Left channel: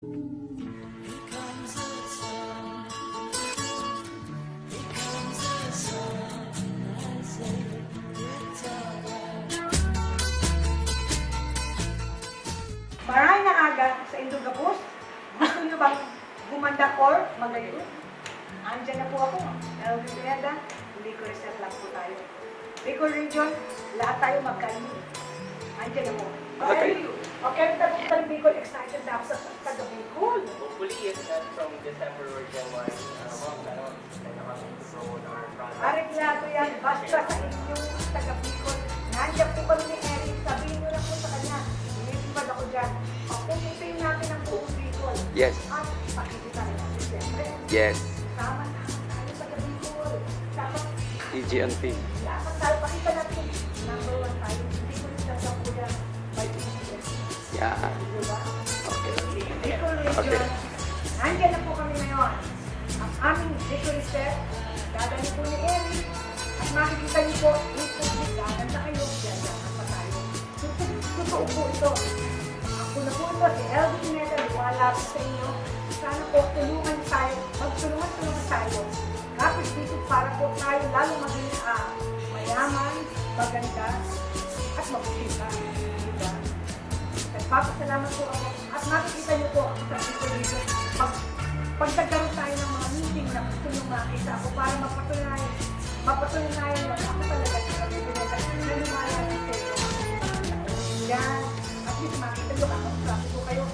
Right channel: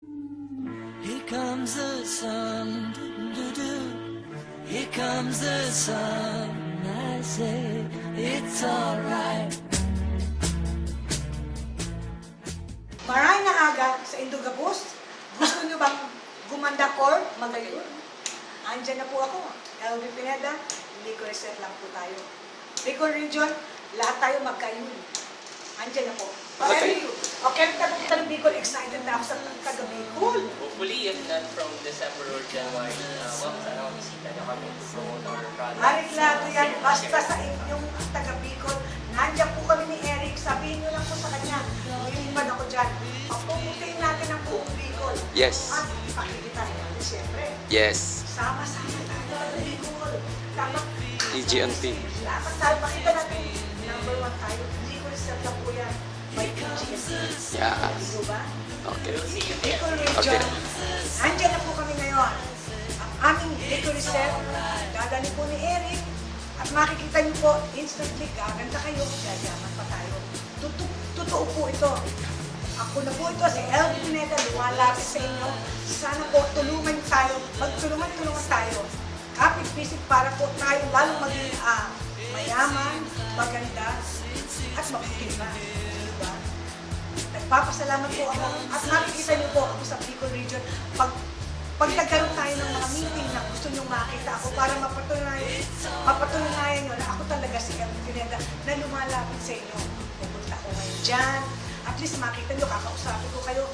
Here comes the sun, here comes the sun. I say it's alright. Maray na aga sa Indugapos. Gusto nyo bang gumanda or magayon? Andyan na po ako, Elvin Pineda. Hindi ko reset lang po tayo. Bicol Region, lahat tayo magkayon. Andyan na po. Okay. Okay, taga Bicol, excited na ako sa taga Bicol. Hopefully, if not from December or January, sana bisita na kami to promote our product. Ariklado yan, basta sa inyong taga Bicol. Nandiyan po kami ni Eric, sabihin nyo lang po sa kanya, lumilipad ako dyan. Papuputin natin ang buong Bicol. Yes. At pakikitahin natin siyempre. Yes. Sama-sama tayo taga Bicol. Dapat EGNT. dapat tayo, pakita natin, number one tayo. Hindi ko rin lang po yan by PGS. Yeah. Diba ba? Okay. Bicol Region. Okay. Andyan na po kami ngayon. Ang aming Bicol Reserve, dadali po ni Eric. At makikita niyo po, instantly, gaganda kayo, yayaman pa tayo. Totoo po ito. Ako na po ito, si Elvin Pineda, luwalapit sa inyo. Sana po, tulungan tayo, magtulungan tayo. Kapit visit para po tayo lalo maging mayaman, maganda, at maputima. Diba? Nagpapasalamat po ako. At nakikita niyo po ako sa Bicol Region. Pagkagaroon tayo ng mga meeting na gusto nyo makita ako para mapatunayan mo na ako talaga si Elvin Pineda na lumalapit sa inyo. Pumunta ko ngayon dyan. At least makita nyo, kakausapin ko kayo.